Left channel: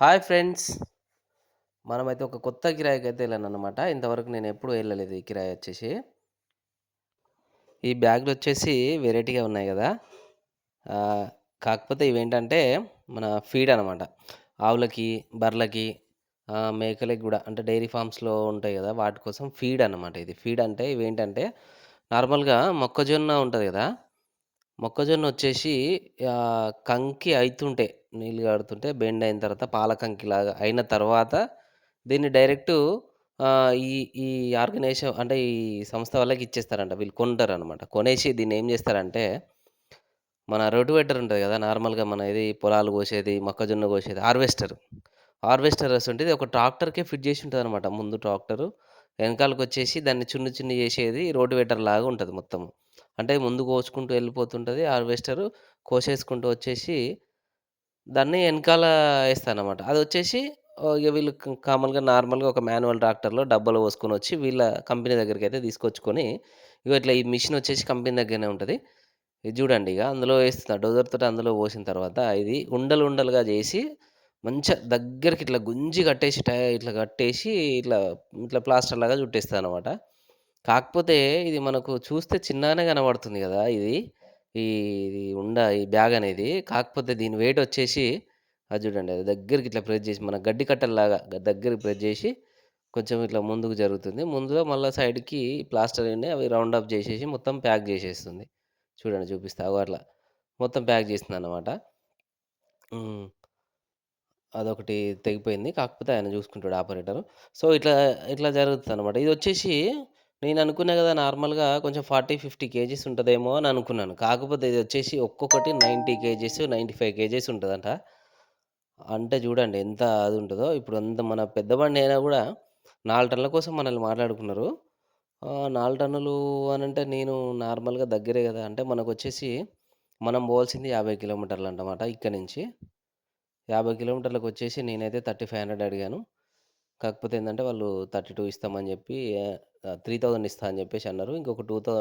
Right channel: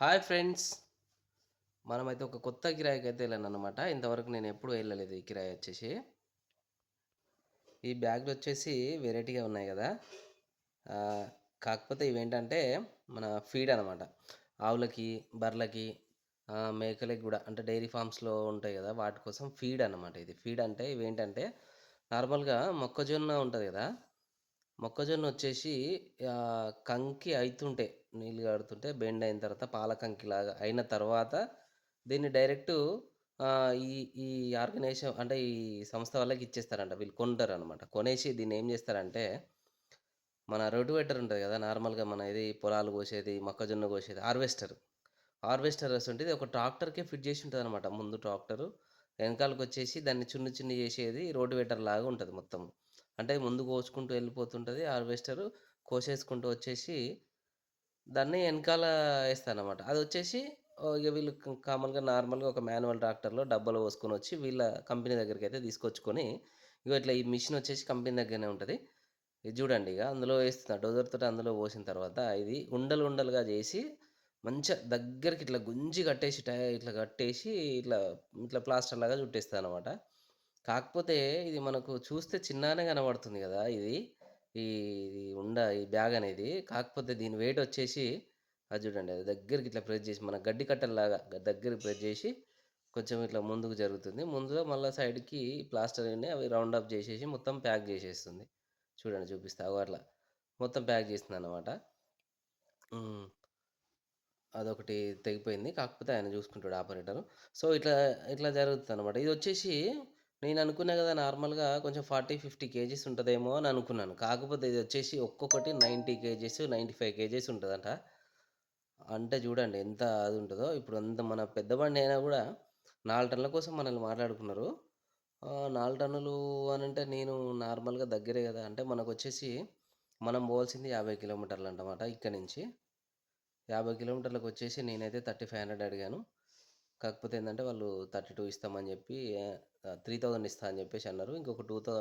Hi friends. మనమైతే ఒక కొత్త కిరాయికైతే ఎళ్ళాననమాట. ఇంతవరకు నేనెప్పుడూ ఎళ్ళలేదు ఈ కిరాయొచ్చేసి. ఈ బ్యాగులొచ్చేసి వెరైటీగా ఉన్నాయి గదా! ఆహ్, కాకపోతే ఇవేంటంటే మన ఫీడ్ అనమాట. ఆవులకి, బర్రెలకి, మేకలకి గూడా అంటే డైరీ ఫార్మ్స్‌లో ఉంటాయి గదా! వాటి కోసం ఫీడ్ అనమాట ఇది. ఫీడ్ అంటే ఇవేంటంటే నార్మల్‌గా మొక్కజొన్న ఉంటది గదా! మొక్కజొన్నొచ్చేసి కంకి అయితుంటే నీళ్ళు గారుతుంటే బెండ్ అయిన తర్వాత పాల కంకిలాగా అయిన తర్వాత దీన్ని డైరెక్టు ఈ ఈ ఆర్గనైజేషన్ అంటే ఈ సంస్థ వాళ్ళకి ఇచ్చేస్తారంట. వీళ్ళు కొంటారనమాట. కొనేసి దీన్నేం జేస్తారంటే మన రోటివేటర్ ఉంటది గదా! నార్మల్‌గా మన ఇది పొలాలు కోసేది, మొక్కజొన్న కోసేది హార్వెస్టర్ అసుంటిది ఒక ట్రాక్టర్‌కే ఫిట్ జేసి ఉంటదనమాట. ముందు ట్రాక్టరు, ఎనకాలకొచ్చేసి దాన్ని చున్ని చున్ని జేసేది రోటివేటర్ లాగా ఉంటది మొత్తము. అంటే ముందు కోసుకుంటూ వెళ్ళిపోతుంటది హార్వెస్టరు. కోసేసుకుంటూ వచ్చేసి దాన్ని ఎనకాల ఏస్తానమాట. అదొచ్చేసి ఇగ వీళ్ళు కామన్‌గా నార్మల్‌గా ఒక మాన్యువల్ ట్రాక్టర్‌లో డబ్బాలో పోసుకొనొచ్చి వీళ్ళ కంపెనీ దగ్గరికైతే తీసుకొచ్చుకొని, ఇగో ఇట్లా ఈ మిషనొచ్చేసి కంపెనీ దగ్గరనే ఉంటది. ఇది జూడండి ఇగ అందులో ఏస్తున్నా. డోజర్‌తోటి అందులో పోసిన తర్వాత ఇది ఉండలు ఉండలుగా జేసి మంచిగా దగ్గరికి ఇట్లా గుంజి కట్టేసి ఇట్లా కట్టేసి ఇట్లా, ఇట్లా ప్లాస్టర్‌లాగా చుట్టేస్తాననమాట. కాకపోతే ఇది మనకు చూస్తే చిన్నగానే కనబడుతుంది గదా! ఈ ఈ బ్యాగనేది. కాకపోతే దీని వెయిటొచ్చేసి అది జూడండి. అది దగ్గరికి ఇట్లా ప్రెస్ జేసి మన గడ్డి కట్టల్లాగా దగ్గరికి ప్రెస్ జేసి కొంచెం ఇట్లా ముందుకు జరుగుతుంది. ముందులో మళ్ళా సైడ్‌కి ప్లాస్టర్‌ని అవి రౌండ్ అప్ జేసేసి మొత్తం ప్యాక్ జేసేస్తుంది. చూడండి చూపిస్తా. అగో అట్లా. మొత్తం ప్యాక్ జేసిందనమాట. హ్మ్. అదొకటి తెగిపోయింది. కాకపోతే ఆయన జూసుకుంటాడు ఆపరేటరు. సో, ఇట్లా జరుగుతదనమాట. ఇదొచ్చేసి నేననుకున్నా గదా! నార్మల్‌గా కొంచెం 40, 50 కేజీస్ ఉంటదేమో అని అనుకున్నాను. కాకపోతే ఇదొచ్చేసి ఒక్కొక్కటి 90 కేజీస్, 95 కేజీస్ ఉంటదంట. అంటే జూడండి ఎంత అదుంటదో. ఇప్పుడు అంత మన పెద్ద బండి అయినా గూడా 4 టన్నుల కోసం మనల్ని మాట్లాడుకున్నారు. 4 టన్నులు అనంటే నేను నార్మల్‌గా దగ్గరే గదా! అంటే మనకొచ్చేసి మనం పోవాల్సింది 50 కిలోమీటర్లంటమాట ఇక్కడి నుంచి. 50 కిలోమీటర్లకొచ్చేసి నేనైతే 3500 అడిగాను. కాకపోతే ఏందంటే వాళ్ళు 32 ఇస్తామని జెప్పి 3000 ఇస్తా అని జెప్పేసి అన్నారు. ఇంకొక 200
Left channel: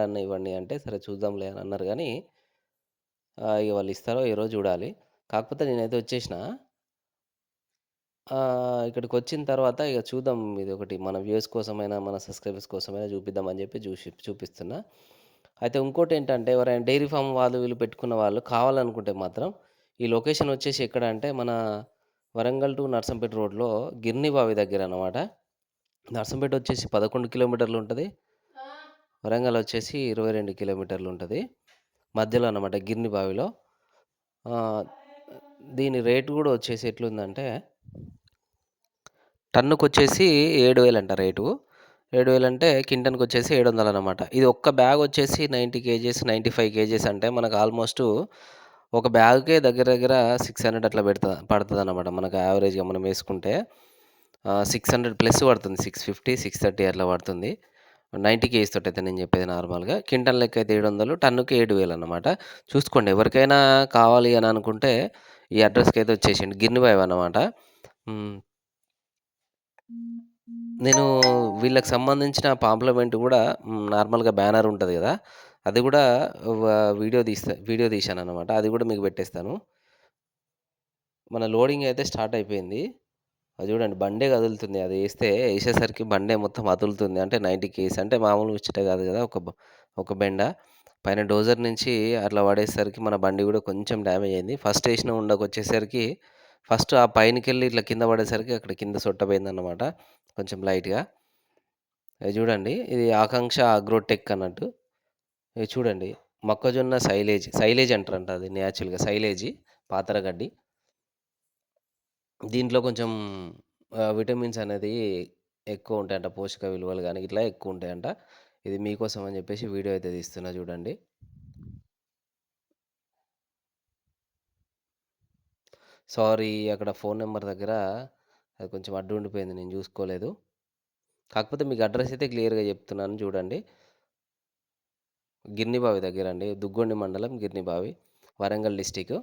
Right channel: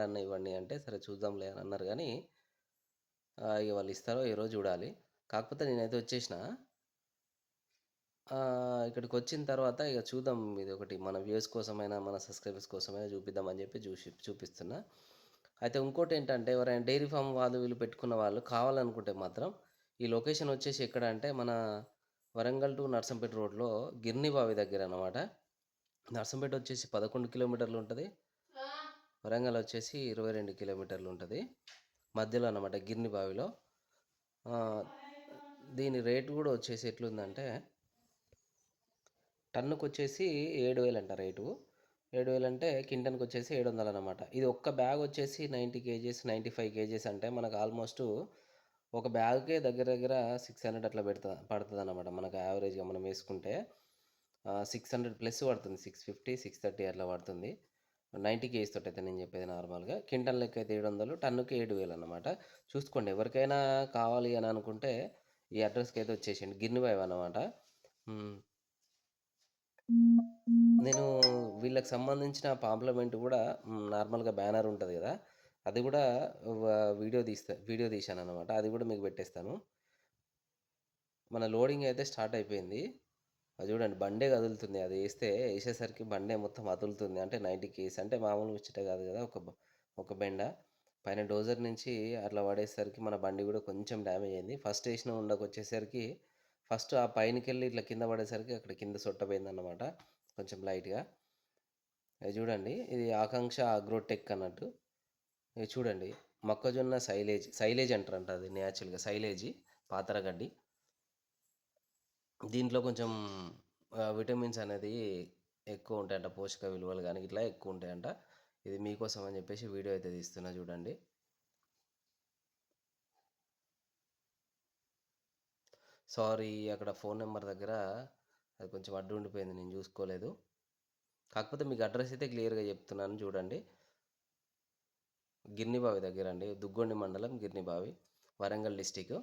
అన్నా ఇవ్వండి అంటే, సరే చూద్దాంలే అని అన్నారు గానీ, ఇగ వాళ్ళు ఇస్తారో ఇయ్యరో జూడాలి. కాకపోతే నేనైతే వచ్చేసినా. ఇక్కడికొచ్చిన తర్వాత ఇగ చూద్దాం ఇదొకటి మన వ్యూవర్స్ కోసమైనా, మన సబ్‌స్క్రైబర్స్ కోసమైనా చూపిద్దామని జెప్పి చూపిస్తున్నా. అయితే ఇంకోటేంటంటే ఎవరైనా డైరీ ఫార్మ్ వాళ్ళు వీళ్ళు పెట్టుకున్న వాళ్ళు కావాలనుకుంటే మాత్రం ఈ లొకేషన్ వచ్చేసి ఎక్కడ అంటే మన వరంగల్ టు నర్సంపేట రోడ్‌లో గిర్నిబావి దగ్గరనమాట. నర్సంపేట వచ్చేసి 11 కిలోమీటర్లుంటది. వరంగల్ వచ్చేసి 22 కిలోమీటర్లుంటది. మధ్యలో అన్నమాట గిర్నిబావిలో. ఆహ్, దీని రేట్ గూడా వచ్చేసి ఎట్లుందంటే టన్నుకొచ్చేసి 7,000 అంట రేటు. 7,000 అంటే క్వింటాన్‌కొచ్చేసి 700 అన్నమాట. ఇది ఒక్క బ్యాగొచ్చేసి 90 కేజీస్, 95 కేజీస్ అంటే మనకు ఆల్‌మోస్టు ఒక బ్యాగ్‌కే దగ్గర దగ్గర 600 అట్లా పడతదన్నమాట. మనకు యావరేజ్‌గా మనం వేసుకుంటే 600 ప్లస్ పడుతుంది. 650, 630 అట్లా పడుతుంది. 90 కేజీస్ తోటైతే నేను చెప్పేది నార్మల్‌గా. క్వింటాల్ లెక్క అయితే 700, టన్నుకి 7,000 అన్నమాట. చూసుకోండి ఎవరికైనా కావాలి అని అనుకుంటే ఈ అడ్రెస్‌కైతే వచ్చేసేయండి. గిర్నిబావి అన్నమాట. హ్మ్. నేను వీళ్ళకి సంబంధించిన పాంప్లిమెంట్ గూడా నార్మల్‌గా బ్యానర్ ఉంటది గదా! అది గూడా వ వీడియో తీశాననమాట. అది గూడా మీకు పెట్టేస్తాను. మన లోడింగ్ అయితే స్టార్ట్ అయిపోయింది. అది జూడండి బండే కదులుతుంది. ఏసేసరికి బండే మొత్తం అదులుతుంది. అంటే 90 కేస్ అంటే మామూలు ముచ్చట గాదు గదా! ఒక బెండ. పైన డోజర్ నుంచి అట్లా పడేసరికి మన బండి గూడా కొంచెం డ్యామేజ్ అయింది. ఫస్ట్ ఏసిన ఉండకొచ్చేసరికి ఫస్ట్ ఆ పైనకెళ్ళి ఇట్లా కింద పడేసరికి అక్కడ కింద సొట్టబోయిందన్నమాట. కొంచెం లైట్‌గా. ఇది జూడండి. ఇది ఆకాంక్ష అగ్రోటెక్ అన్నట్టు. ఇది చూడండి. మొక్కజొన్న సైలేజ్ అంటారంట అది నేచురల్‌గా సైలేజి పాతర గడ్డి. దీంట్లో కొంచెం విటమిన్స్ అనేది ఎక్కువుంటాయంట. పోషక విలువలు గాని ఇట్లా ఎక్కువుంటాయంట. ఇది మీకోసం అని జెప్పేసి వీడియో అయితే తీస్తున్నా జూడండి. సారీ అక్కడ ఫోను నంబర్ దగ్గర అది కొంచెం అడ్డు ఉండిపోయింది. నేను జూసుకోలేదు. కాకపోతే మీకు అడ్రెస్ అయితే క్లియర్‌గా జెప్తున్నాను జూడండి. గిర్నిబావి దగ్గరండి. దుగ్గొండి మండలం గిర్నిబావి. వరంగల్ డిస్ట్రిక్ట్.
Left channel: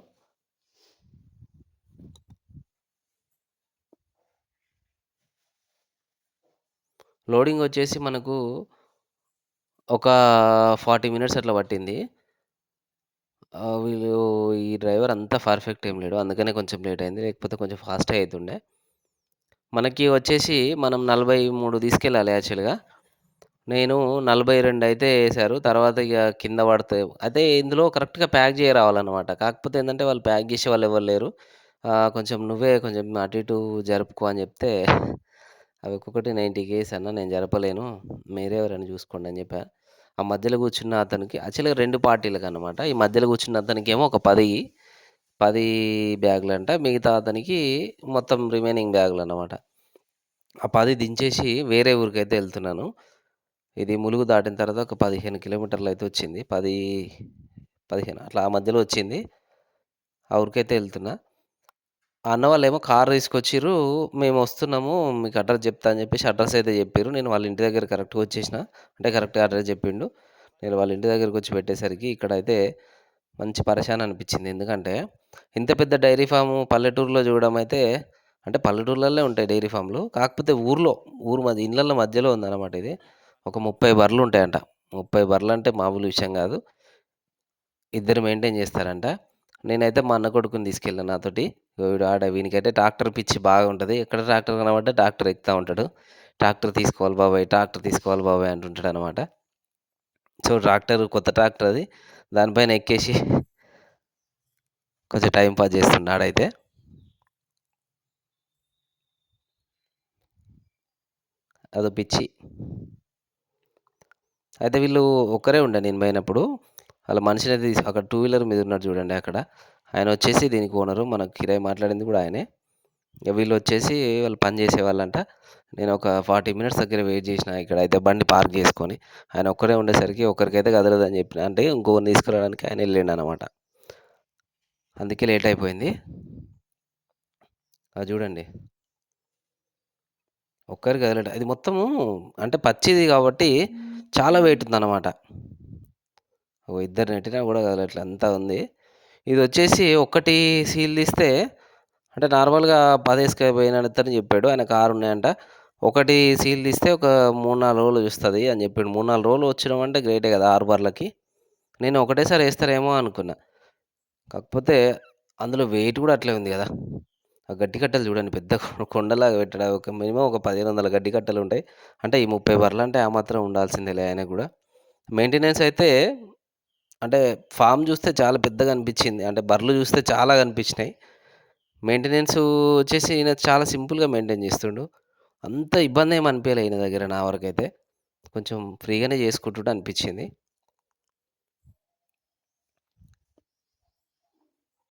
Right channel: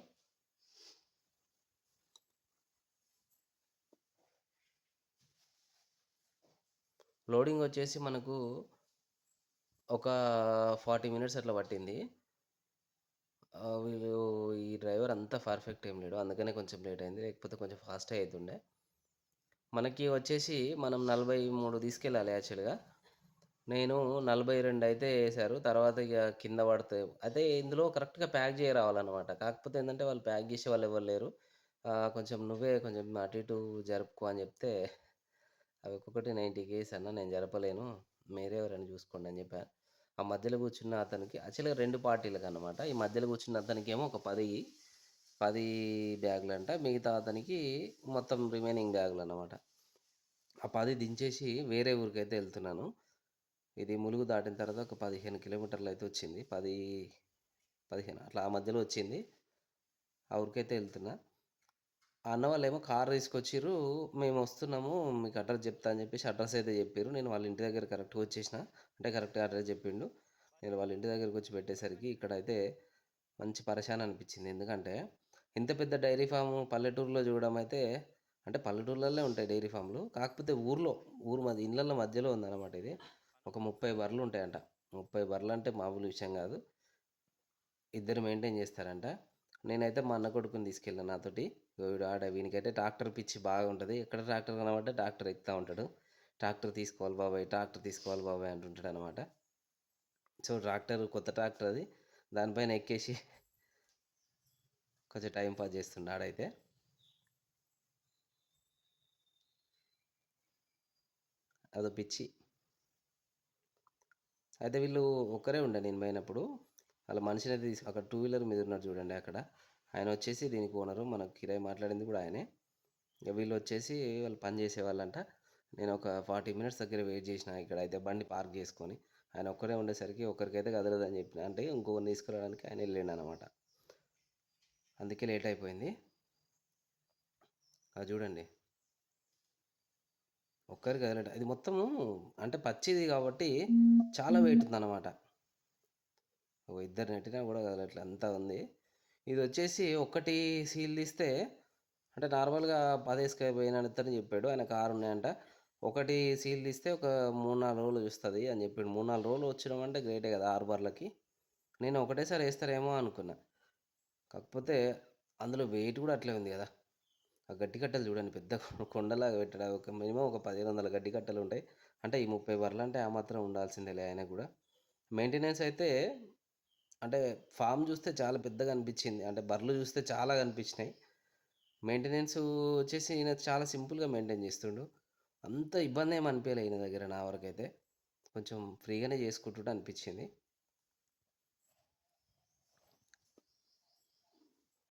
లోడింగొచ్చేసి మనకు ఒక 40 మినిట్స్ అట్లా పట్టింది. వీళ్ళు ఈ డ్రైవర్ అంత పర్ఫెక్ట్ ఏం లేడు. అందుకనే కొంచెం లేట్ అయింది. లేకపోతే కొంచెం ఫాస్టే అయితుండే. మనకి వచ్చేసి మనం 43 తీసుకెళ్ళాలి యాక్చువల్‌గా. నేను 42 అయితే ఏశారు. తర్వాత ఇగ కింద పడితే అయితే ఇందులో కరెక్ట్‌గా ప్యాక్ చేయరావాలన్నమాట. కాకపోతే ఏందంటే వాళ్ళు ప్యాక్ చేసేవాళ్ళు ఎవ్వరు లేరు. కొంచెం నువ్వే కొంచెం అటు ఇటు జరుపుకో అని చెప్తే అవి ఒక్కొక్కటి 90 అన్న నేను జరపలేను. మీరే ఎవరైనా చూసుకోండి అని చెప్పా. ఆ మధ్యలో కూర్చున్న అతనికి యాక్చువల్‌గా 2 పార్టీలకన్నమాట. ఈ మధ్యలో కూర్చున్న అతనికేమో ఒక 10 బ్యాగులంట. మిగతా అతనికి మొత్తం రిమైనింగ్ బ్యాగులన్నమాట. ఆ 10 దించేసి వేరే ఊరికైతే ఎళ్తున్నాను. ఇది ములుగు దాటిన తర్వాత ఒక 15 కిలోమీటర్లయితే వచ్చింది. 10, 15 అట్లా ఆ మధ్యలో వచ్చింది. ఆ ఊరికైతే ఎళ్తున్నా. ఆ అన్న వాళ్ళేమో కారు తీసుకొచ్చిర్రు. మేమొస్తున్నాము. మీకు అడ్రెస్ జెప్తా అని జెప్పేసి అడ్రెస్ అయితే జెప్పిర్రు. నేను వాళ్ళ ఇంటి దగ్గర కరెక్ట్‌గా వచ్చేసిన. అంటే కరెక్ట్‌గా అడ్రెస్ జెప్పిండు. నేను వాళ్ళ ఇంటి దగ్గరకొచ్చి పెట్టేసరికి ఇక్కడైతే మంచి పరేషాన్ అనిపిచ్చింది. ఎందుకంటే ఇంత పెద్ద డైరీ ఫార్ము పల్లెటూరులో చూడడం అయితే అంటే పల్లెటూర్లల్లో ఉంటాయి డైరీ ఫార్మ్‌లు. కాకపోతే ఊరు ఇళ్ళల్ల మధ్యలో ఉందన్నమాట ఇది. ఒక 30 బర్రెలుంటాయంట. 30 బర్రెలంటే మామూలు విషయం గాదు. ఇద్దరు మెయింటైన్ జేస్తారంట. నేనైతే మా అన్న కొడుకుని తీసుకెళ్ళా నాతోటి. వీనికైతే ట్రాక్టర్ పిచ్చి బాగా ఉంటది. ఎక్కడ ట్రాక్టర్ కనపడ్డా ట్రాక్టర్ ఎక్కుతా ఉంటాడు. ట్రాక్టర్ తీసుకోవాలి బాబాయ్, ట్రాక్టర్ తీసుకోవాలి బాబాయ్ అంటుంటాడనమాట. సో, కొత్త ట్రాక్టర్ అది. దానిపైన ఎక్కేసి కొంచెం టైమ్ పాస్ చేస్తుండు ఆడైతే. అదో పిచ్చి. అయితే వీళ్ళు ఒక్కరే ఉండే నేను పోయినప్పుడు. ఆళ్ళ మనిషినైతే అక్కడ టూ వీలర్ మీద ఉన్నాడు చూడండి అక్కడ. ఆయనొచ్చేసి దీనికి ఓనరు. మనకు కిరాయి మాట్లాడింది కూడా ఆయనే. ఇగ వీళ్ళొచ్చేసి వాళ్ళు పని చేసేవాళ్ళంట. నేనొక 40 మినిట్స్ దగ్గర వెయిట్ జేసినా ఇక్కడైతే బండి పార్క్ జేసుకొని. ఆయన ఒక్కరే ఉండేసరికి ఒకరికైతే కదలదని జెప్పిన. అంటే ఇంకొకరిని తీసుకురావడానికి ఆయన ఎళ్ళిండనమాట. అందుకే లేట్ అయిపోయింది. అది జూడండి. ఒక్కరు కదలట. ఇది మొత్తము అంటే పచ్చిది గాబట్టి చాలా వెయిట్ ఉందనమాట. ఇద్దరు నెట్టినా గూడా కదలట్లే అంతా ఉంది. ఇదొచ్చేసి ఒక్కటి సీల్ తీస్తే అంటే నార్మల్‌గా 10 ఏసుకపోయినతను జెప్పాడు. ఆయనకు 6 ఉన్నాయంట. ఒకటి సీల్ తీస్తే ఒక 3, 4 రోజులు చూస్తది అని జెప్పిండు. 3, 4 రోజులు వచ్చడం అంటే గ్రేటే గదా! 6 బర్లకి. నేను ఒకటేసారి ఏస్తారేమో అనుకున్నా. కాకపోతే అందులో వెయిట్ గూడా అట్లే ఉంది గదా! ఆ గడ్డి కట్టలు చూడండి పెద్ద కొండలాగా పెట్టాడు. ఒక మినిమమ్ ఒక 1500 గడ్డి కట్టలుంటాయి. అంటే ఈ 30 బర్లంటే ఆ మాత్రం ఉండాల్సిందేలే ఆయనకు గూడా. మెయింటెనెన్స్ అయితే అంటే ఫార్మ్ జూస్తే చాలా పెద్దగా అనిపిచ్చింది. అంటే బర్రెలు జూస్తే చాలా కనిపించినాయి. మెయింటెనెన్సు వచ్చేసి ఈయన చాలా సింపుల్‌గా మెయింటైన్ చేస్తుండు. అంత ఇబ్బందేమి అనిపియలే ఈయన దగ్గర నా వరకైతే. కొంచెం ఫ్రీగానే చేసుకుంటుండు అనిపిచ్చింది.